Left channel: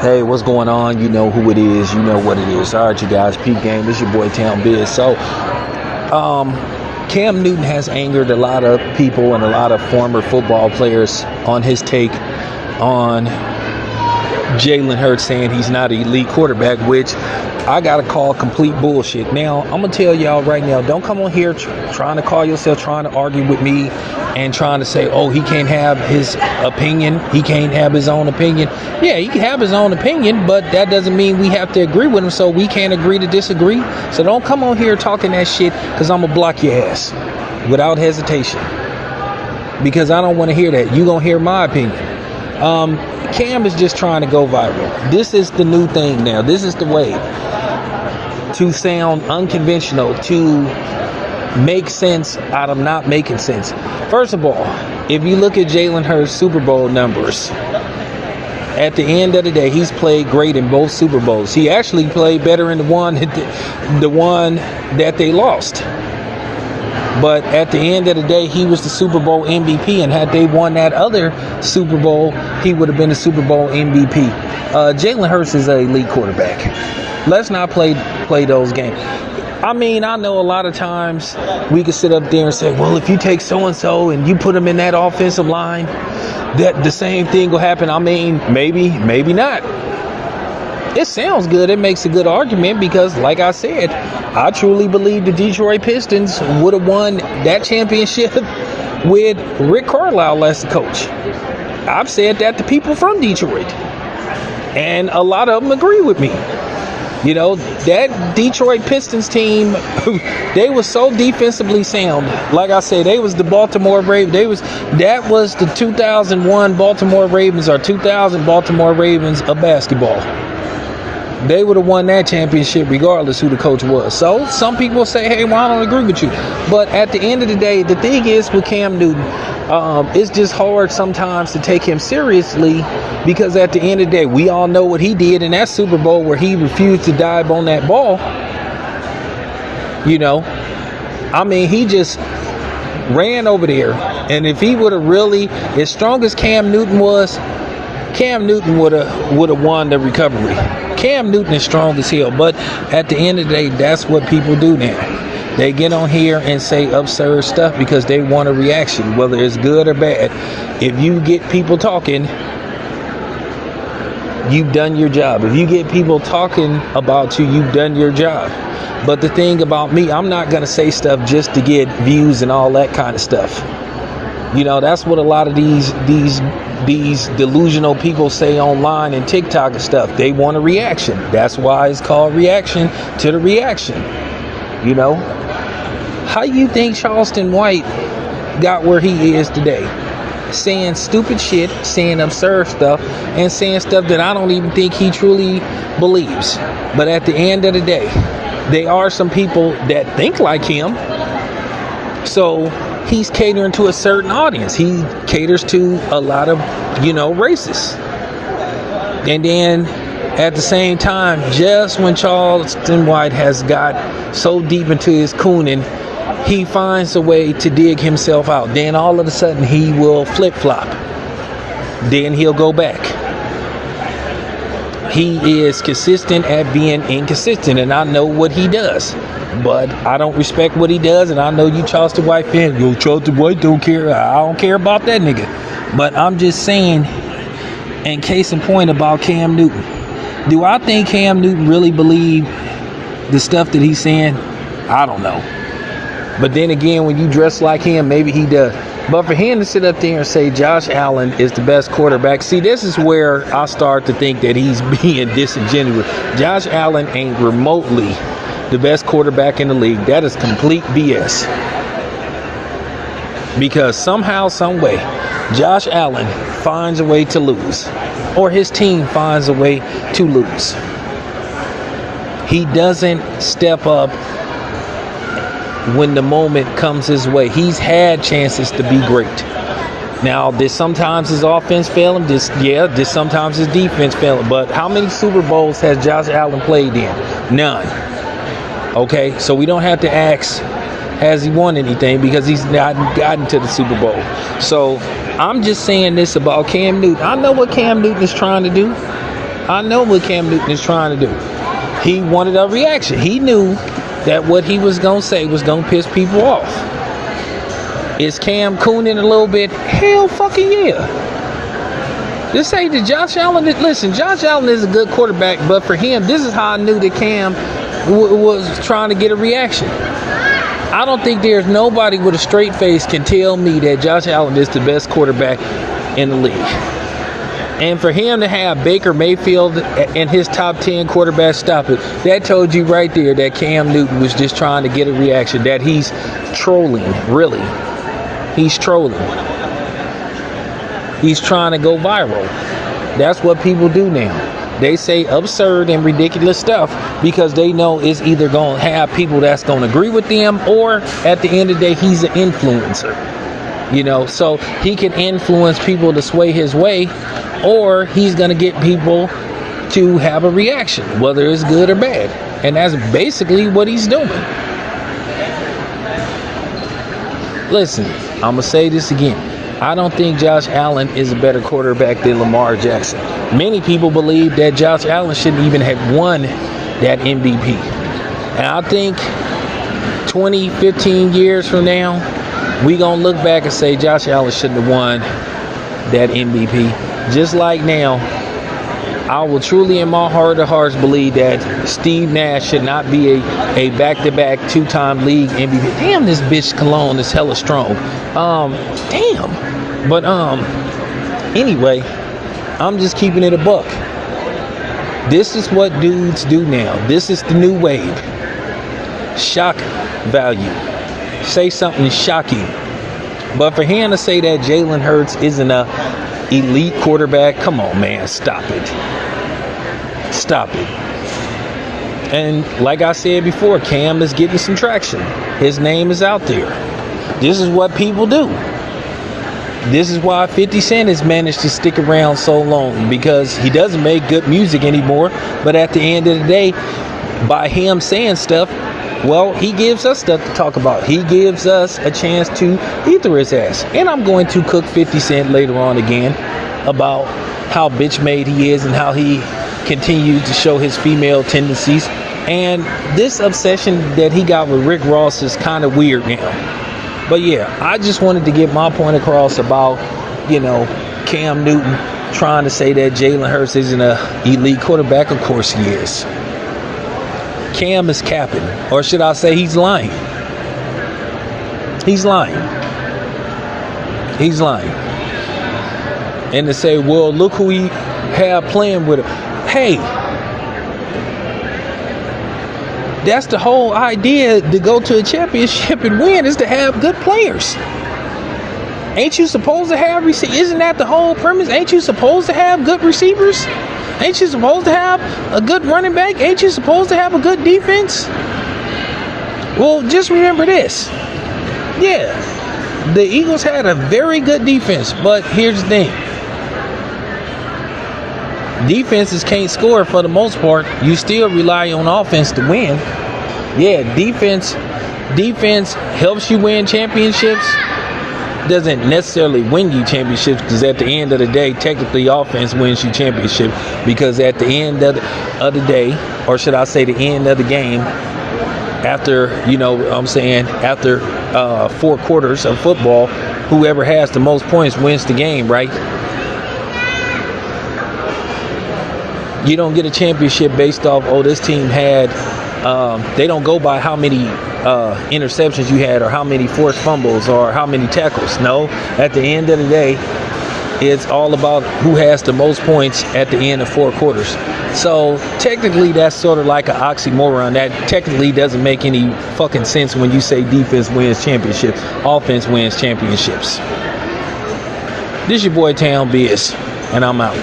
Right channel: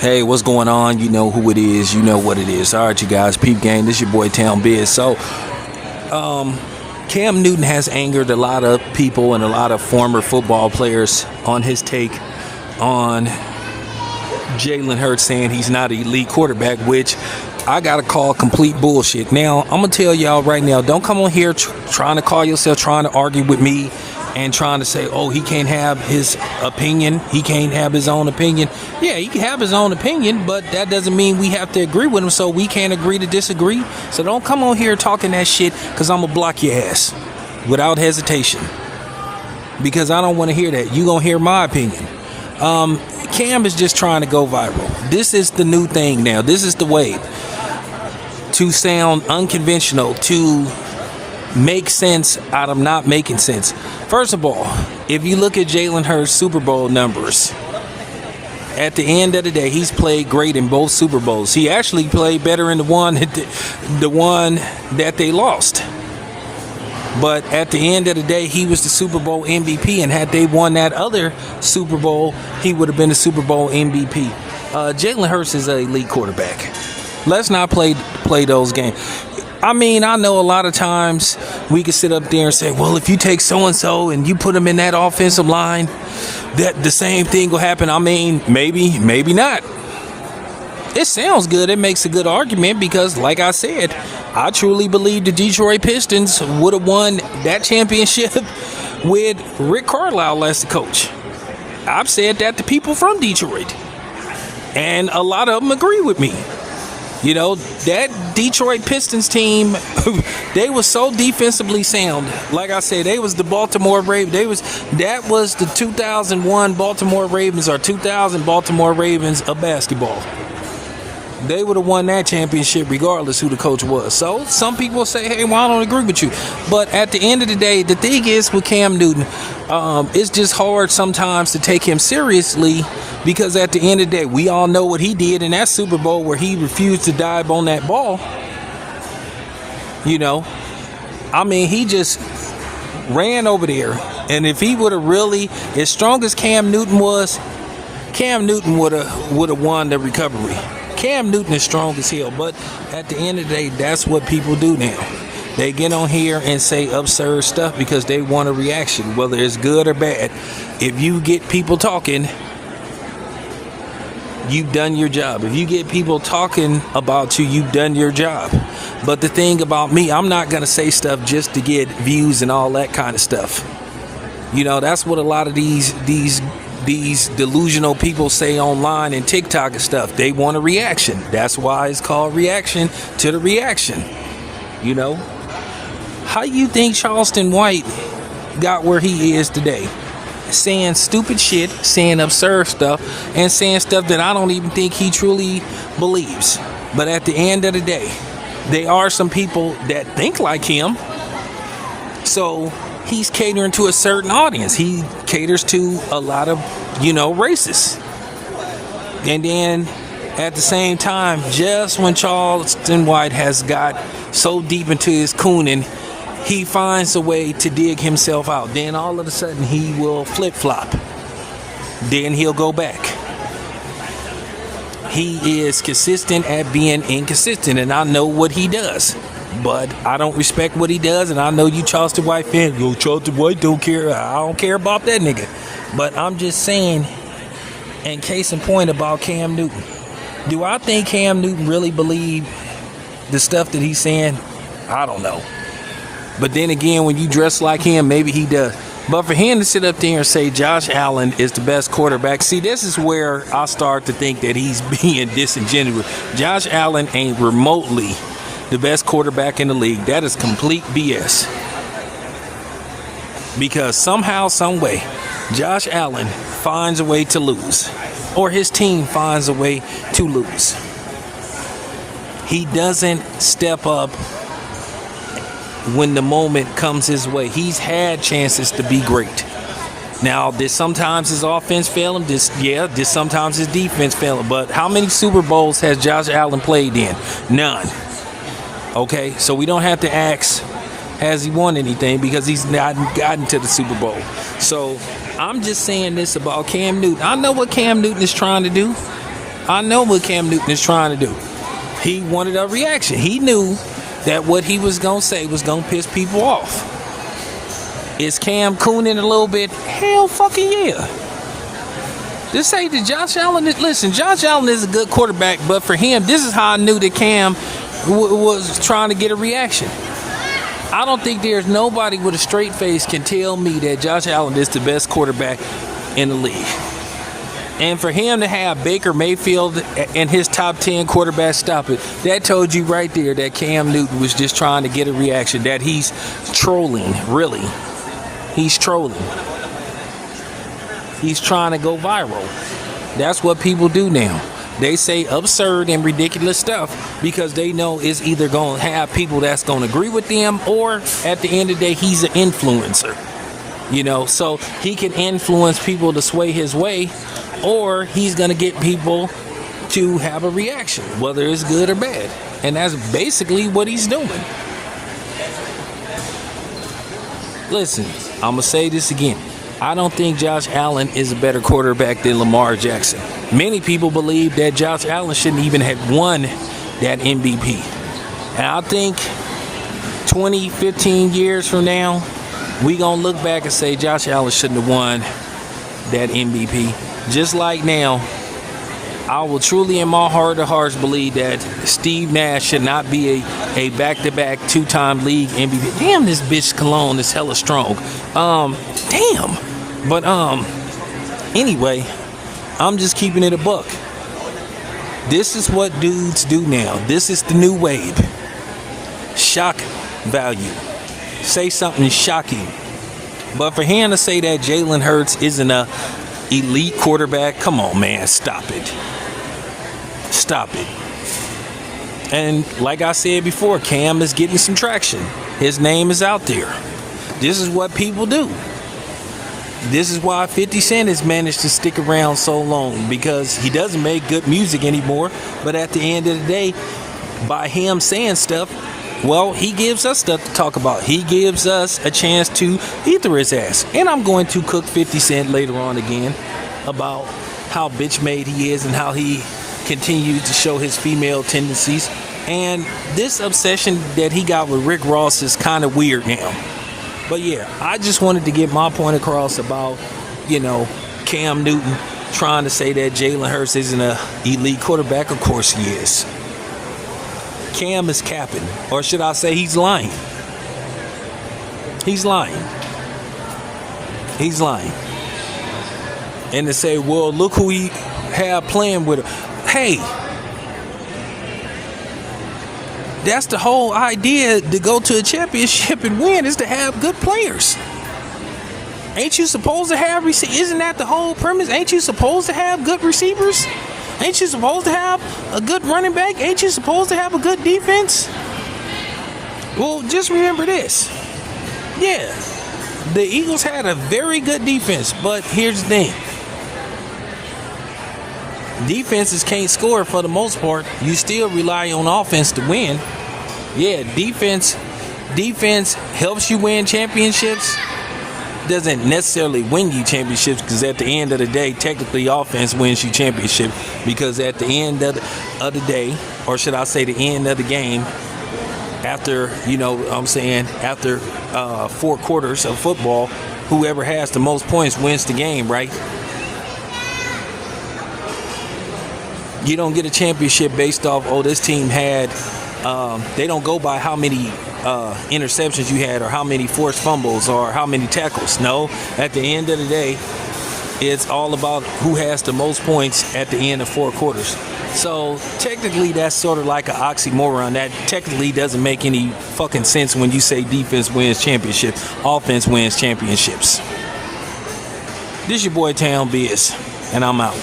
Hey, what's going on? You know who it is. You know what it is. All right, you guys. Peep game. This your boy Town Biz. So, Cam Newton has angered a lot of people and a lot of former football players on his take on Jalen Hurts saying he's not an elite quarterback, which I got to call complete bullshit. Now, I'm going to tell y'all right now, don't come on here trying to call yourself, trying to argue with me and trying to say, oh, he can't have his opinion. He can't have his own opinion. Yeah, he can have his own opinion, but that doesn't mean we have to agree with him, so we can't agree to disagree. So don't come on here talking that shit, because I'm going to block your ass without hesitation, because I don't want to hear that. You're going to hear my opinion. Cam is just trying to go viral. This is the new thing now. This is the way to sound unconventional, to make sense out of not making sense. First of all, if you look at Jalen Hurts' Super Bowl numbers, at the end of the day, he's played great in both Super Bowls. He actually played better in the one that they lost. But at the end of the day, he was the Super Bowl MVP, and had they won that other Super Bowl, he would have been the Super Bowl MVP. Jalen Hurts is an elite quarterback. Let's not play those games. I mean, I know a lot of times we can sit up there and say, well, if you take so-and-so and you put them in that offensive line, that the same thing will happen. I mean, maybe not. It sounds good. It makes a good argument because, like I said, I truly believe the Detroit Pistons would have won that championship with Rick Carlisle as the coach. I've said that to people from Detroit, and a lot of them agree with me. You know, that Detroit Pistons team, they were so defensively sound. Like I said, they was the Baltimore Ravens. That was the 2001 Baltimore Ravens, or 2000 Baltimore Ravens of basketball. They would have won that championship regardless who the coach was. So some people say, hey, well, I don't agree with you. But at the end of the day, the thing is with Cam Newton, it's just hard sometimes to take him seriously, because at the end of the day, we all know what he did in that Super Bowl where he refused to dive on that ball. You know, I mean, he just ran over there. And if he would have really, as strong as Cam Newton was, Cam Newton would have won the recovery. Cam Newton is strong as hell, but at the end of the day, that's what people do now. They get on here and say absurd stuff because they want a reaction, whether it's good or bad. If you get people talking, you've done your job. If you get people talking about you, you've done your job. But the thing about me, I'm not going to say stuff just to get views and all that kind of stuff. You know, that's what a lot of these delusional people say online and TikTok and stuff. They want a reaction. That's why it's called reaction to the reaction. You know, how you think Charleston White got where he is today? Saying stupid shit, saying absurd stuff, and saying stuff that I don't even think he truly believes. But at the end of the day, there are some people that think like him. So he's catering to a certain audience. He caters to a lot of, racists. And then at the same time, just when Charleston White has got so deep into his cooning, he finds a way to dig himself out. Then all of a sudden he will flip-flop. Then he'll go back. He is consistent at being inconsistent, and I know what he does. But I don't respect what he does, and I know you Charleston White fans, yo, Charleston White don't care. I don't care about that nigga. But I'm just saying, in case in point about Cam Newton, do I think Cam Newton really believe the stuff that he's saying? I don't know. But then again, when you dress like him, maybe he does. But for him to sit up there and say Josh Allen is the best quarterback, see, this is where I start to think that he's being disingenuous. Josh Allen ain't remotely the best quarterback in the league. That is complete BS. Because somehow, some way, Josh Allen finds a way to lose, or his team finds a way to lose. He doesn't step up when the moment comes his way. He's had chances to be great. Now, did sometimes his offense fail him? Did sometimes his defense fail him? But how many Super Bowls has Josh Allen played in? None. Okay, so we don't have to ask, has he won anything, because he's not gotten to the Super Bowl. So I'm just saying this about Cam Newton. I know what Cam Newton is trying to do. I know what Cam Newton is trying to do. He wanted a reaction. He knew that what he was going to say was going to piss people off. Is Cam cooning a little bit? Hell fucking yeah. Just say to Josh Allen, listen, Josh Allen is a good quarterback, but for him, this is how I knew that Cam was trying to get a reaction. I don't think there's nobody with a straight face can tell me that Josh Allen is the best quarterback in the league. And for him to have Baker Mayfield in his top 10 quarterbacks, stop it. That told you right there that Cam Newton was just trying to get a reaction, that he's trolling, really. He's trolling. He's trying to go viral. That's what people do now. They say absurd and ridiculous stuff because they know it's either going to have people that's going to agree with them, or at the end of the day, he's an influencer. You know, so he can influence people to sway his way, or he's going to get people to have a reaction, whether it's good or bad. And that's basically what he's doing. Listen, I'm going to say this again. I don't think Josh Allen is a better quarterback than Lamar Jackson. Many people believe that Josh Allen shouldn't even have won that MVP. And I think 20, 15 years from now, we going to look back and say Josh Allen shouldn't have won that MVP. Just like now, I will truly in my heart of hearts believe that Steve Nash should not be a back-to-back two-time league MVP. Damn, this bitch cologne is hella strong. Damn. But anyway, I'm just keeping it a buck. This is what dudes do now. This is the new wave. Shock value. Say something shocking. But for him to say that Jalen Hurts isn't a elite quarterback, come on, man, stop it. Stop it. And like I said before, Cam is getting some traction. His name is out there. This is what people do. This is why 50 Cent has managed to stick around so long, because he doesn't make good music anymore. But at the end of the day, by him saying stuff, well, he gives us stuff to talk about. He gives us a chance to ether his ass. And I'm going to cook 50 Cent later on again about how bitch made he is and how he continues to show his female tendencies. And this obsession that he got with Rick Ross is kind of weird now. But yeah, I just wanted to get my point across about, you know, Cam Newton trying to say that Jalen Hurts isn't an elite quarterback. Of course he is. Cam is capping, or should I say he's lying. He's lying. He's lying. And to say, well, look who he had playing with him. Hey, that's the whole idea to go to a championship and win, is to have good players. Ain't you supposed to have isn't that the whole premise? Ain't you supposed to have good receivers? Ain't you supposed to have a good running back? Ain't you supposed to have a good defense? Well, just remember this. Yeah, the Eagles had a very good defense, but here's the thing. Defenses can't score for the most part. You still rely on offense to win. Yeah, defense helps you win championships. Doesn't necessarily win you championships, because at the end of the day, technically offense wins you championship, because at the end of the day, or should I say the end of the game, after, you know what I'm saying, after 4 quarters of football, whoever has the most points wins the game, right? You don't get a championship based off, oh, this team had, they don't go by how many interceptions you had, or how many forced fumbles, or how many tackles. No, at the end of the day, it's all about who has the most points at the end of 4 quarters. So technically, that's sort of like an oxymoron. That technically doesn't make any fucking sense when you say defense wins championships, offense wins championships. This your boy Town Biz, and I'm out.